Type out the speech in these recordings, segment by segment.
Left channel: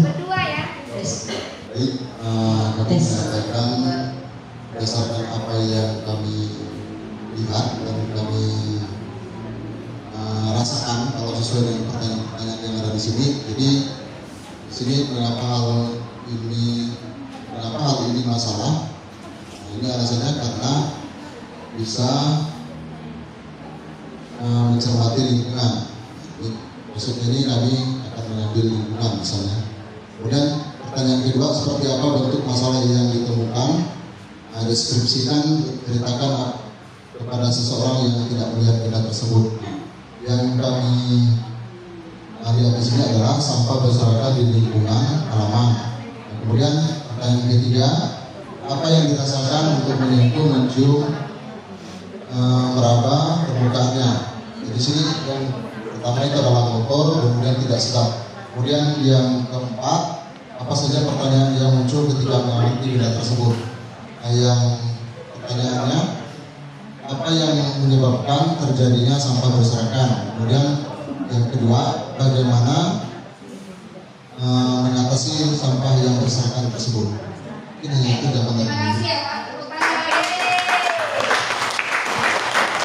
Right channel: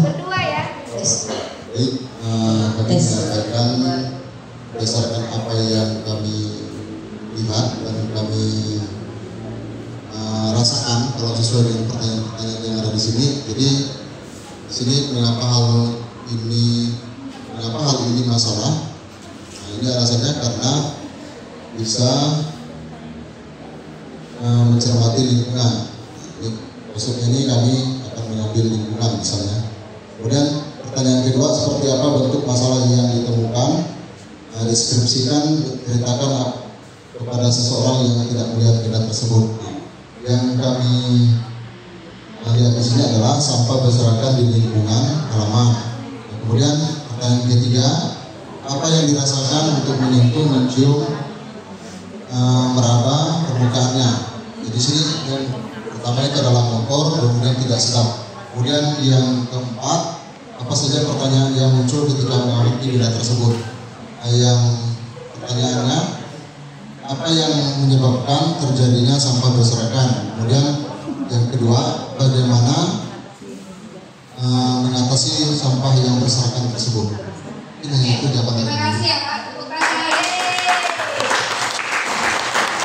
Berdua ya. Baik, kami menyampaikan berdasarkan apa yang kami lihat dan kami rasakan kalau sesuai dengan pertanyaan-pertanyaan yang ada di sini. Jadi di sini mengapa hal ini masalah? Nah, ini alasannya karena bisa mencermati lingkungan. Jadi, maksudnya ini kami akan mengambil lingkungan misalnya. Kemudian pertanyaan kedua, seperti apa bentuk masalah yang ditemukan? Deskripsikan, ceritakan kepada seseorang yang tidak melihat benda tersebut. Yang kami lihat di sini adalah sampah berserakan di lingkungan halaman. Nah, kemudian pertanyaan ketiga, apa yang dirasakan untuk menyentuh, mencium, meraba permukaannya? Di sini yang pertama itu adalah motor, kemudian tidak sedap. Kemudian yang keempat, apa saja pertanyaan yang muncul ketika mengamati benda tersebut? Yang pertanyaannya, apa yang menyebabkan terjadinya sampah berserakan? Kemudian yang kedua, bagaimana mengatasi sampah yang berserakan tersebut? Ini itu jawaban. Terima kasih ya Pak.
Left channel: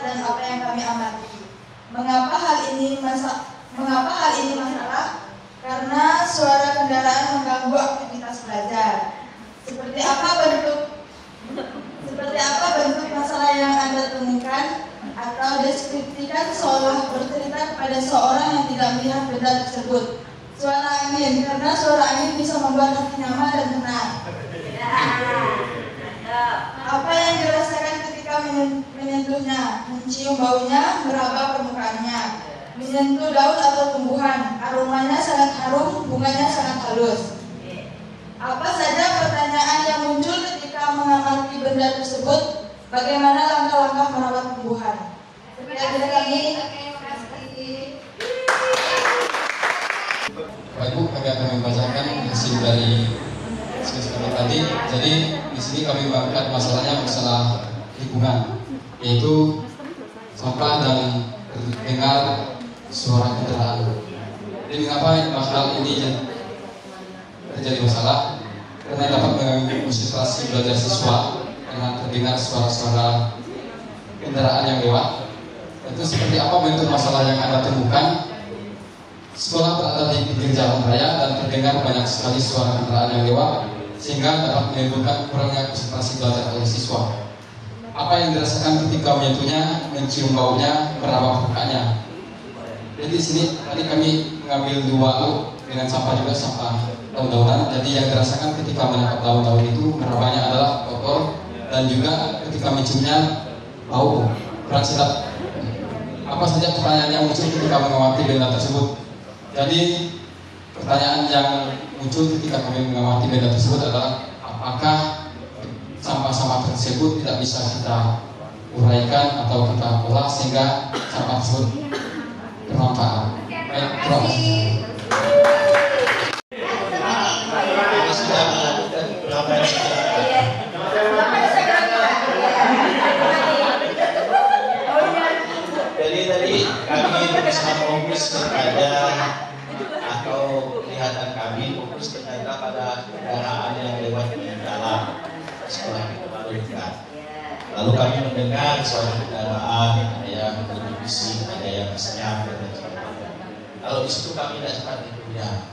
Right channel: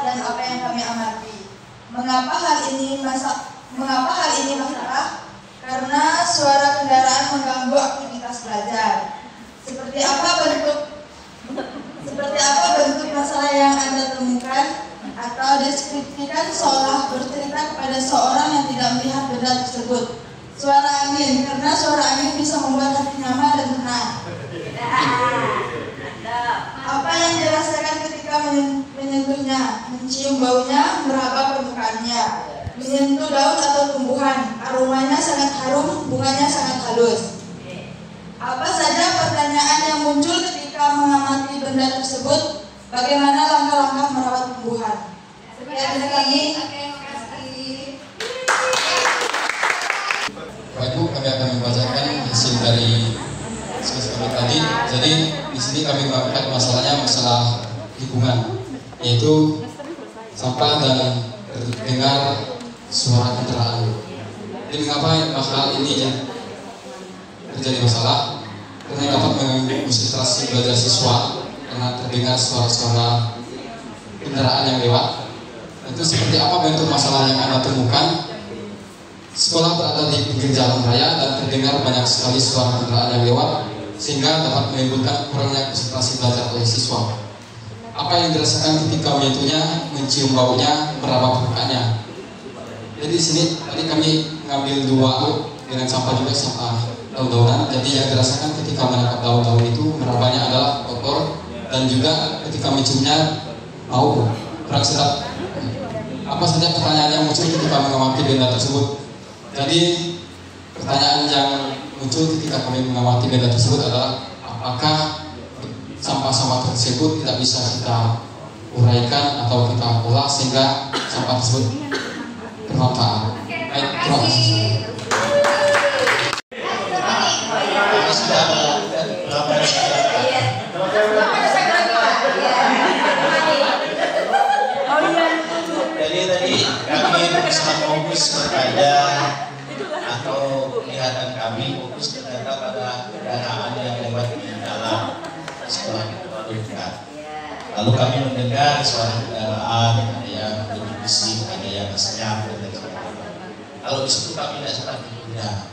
Dan apa yang kami amati. Mengapa hal ini masalah? Karena suara kendaraan mengganggu aktivitas belajar. Seperti apa bentuk masalah yang Anda temukan, atau deskripsikan seolah bercerita kepada seorang yang tidak melihat benda tersebut. Suara angin, karena suara angin bisa membuat hati nyaman dan tenang. Apa yang dirasakan ketika menyentuhnya, mencium baunya, meraba permukaannya, menyentuh daun atau tumbuhan, aromanya sangat harum, bunganya sangat halus. Apa saja pertanyaan yang muncul ketika mengamati benda tersebut? Bagaimana langkah-langkah merawat tumbuhan? Terima kasih. Bapak Ibu, kami akan membacakan hasil dari diskusi kami tadi. Jadi di sini kami mengangkat masalah lingkungan, yaitu sampah dan terdengar suara kendaraan. Jadi mengapa masalah ini terjadi masalah? Karena dapat mengonsentrasi belajar siswa karena terdengar suara-suara kendaraan yang lewat. Itu seperti apa bentuk masalah yang Anda temukan? Sekolah berada di pinggir jalan raya dan terdengar banyak sekali suara kendaraan yang lewat, sehingga dapat menimbulkan kurangnya konsentrasi belajar oleh siswa. Apa yang dirasakan ketika menyentuhnya, mencium baunya, meraba permukaannya? Jadi di sini tadi kami mengambil dua dengan sampah juga sampah daun-daunan. Jadi yang dirasakan ketika menangkap daun-daun itu merabanya adalah kotor, dan juga ketika menciumnya bau kurang sedap. Apa saja pertanyaan yang muncul ketika mengamati benda tersebut? Jadi pertanyaan yang muncul ketika kami mengamati benda tersebut adalah apakah sampah-sampah tersebut tidak bisa kita uraikan atau kita olah sehingga sampah tersebut bermanfaat. Baik, terima kasih. Jadi tadi kami berusaha fokus kepada atau kelihatan kami fokus kepada pada kendaraan yang lewat di jalan sekolah kita dekat. Lalu kami mendengar suara kendaraan, ada yang lebih bising, ada yang senyap dan sebagainya. Kalau di situ kami tidak seperti itu tidak.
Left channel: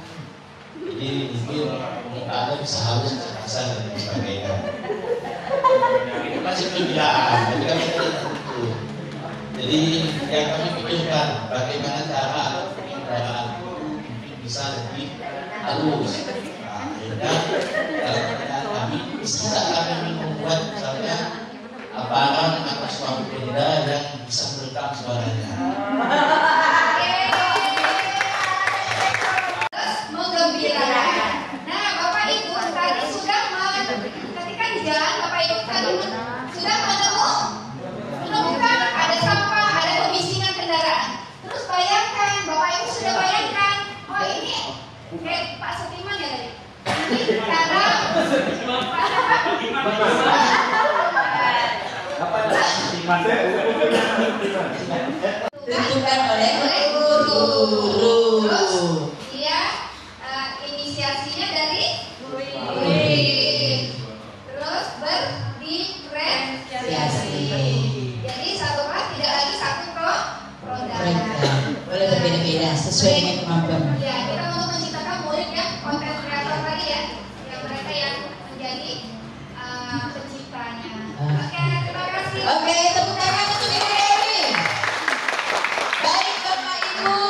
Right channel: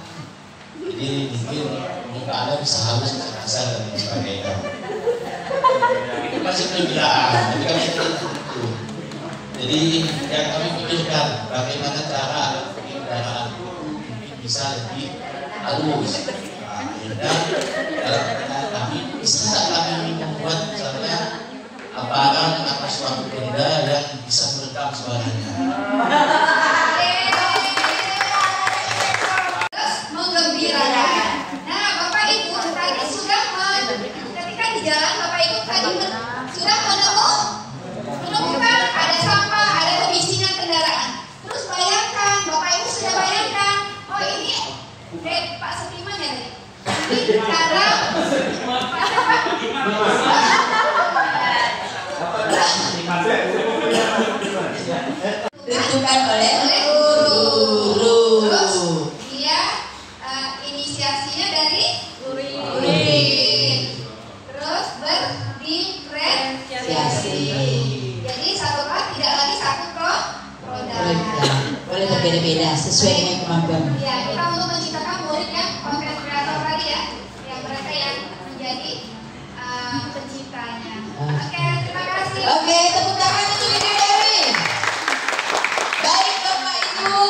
Jadi mungkin permukaannya bisa halus, bisa kasar dan sebagainya. Itu masih kendaraan, jadi kami tidak itu. Jadi yang kami pikirkan bagaimana cara kendaraan itu bisa lebih halus. Nah, dalam pertanyaan kami bisa kami membuat misalnya barang atau suatu benda yang bisa meredam suaranya. Terus menggembirakan. Nah, Bapak Ibu tadi sudah ketika di jalan Bapak Ibu tadi sudah menemukan ada sampah, ada kebisingan kendaraan. Terus bayangkan, Bapak Ibu sudah bayangkan, oh ini Pak Supriman ya tadi. Ini karena ditentukan oleh guru. guru. Terus dia inisiasi sesuai dengan kemampuan. Ya, kita untuk menciptakan murid yang konten kreator tadi ya, mereka yang menjadi penciptanya. Oke, terima kasih. Oke, tepuk tangan untuk Ibu Dewi. Baik Bapak Ibu,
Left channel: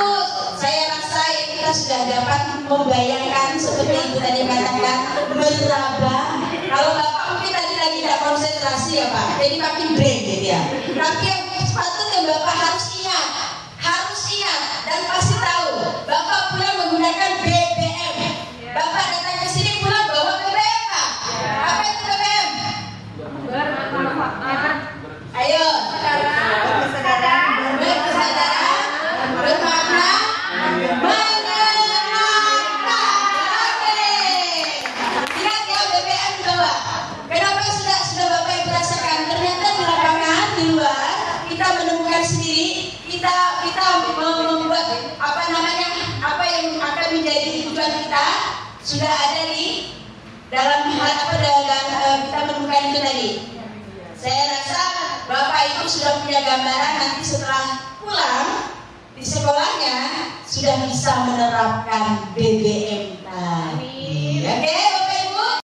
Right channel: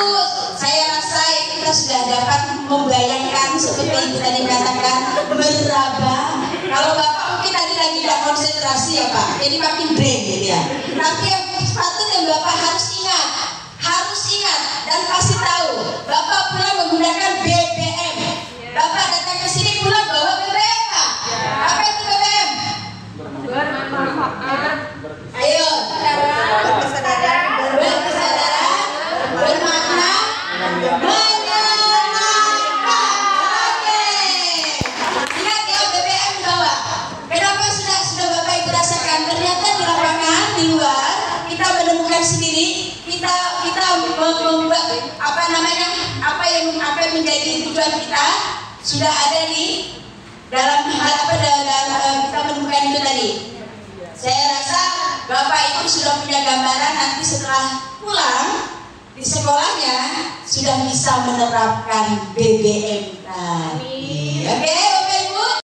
saya rasa kita sudah dapat membayangkan seperti Ibu tadi katakan meraba. Kalau Bapak mungkin tadi lagi tidak konsentrasi ya Pak, jadi makin brain gitu ya. Tapi yang sepatutnya Bapak harus ingat dan pasti tahu Bapak pulang menggunakan BBM. Bapak datang ke sini pulang bawa BBM Pak. Apa itu BBM? Ayo, berkesadaran, bermakna, menyenangkan. Oke. Ingat ya BBM bawa. Kenapa sudah Bapak Ibu rasakan? Ternyata di lapangan di luar kita menemukan sendiri, kita membuat apa yang menjadi tujuan kita sudah ada di dalam kita menemukan itu tadi. Saya rasa Bapak Ibu sudah punya gambaran nanti setelah pulang di sekolahnya sudah bisa menerapkan BBM tadi. Oke?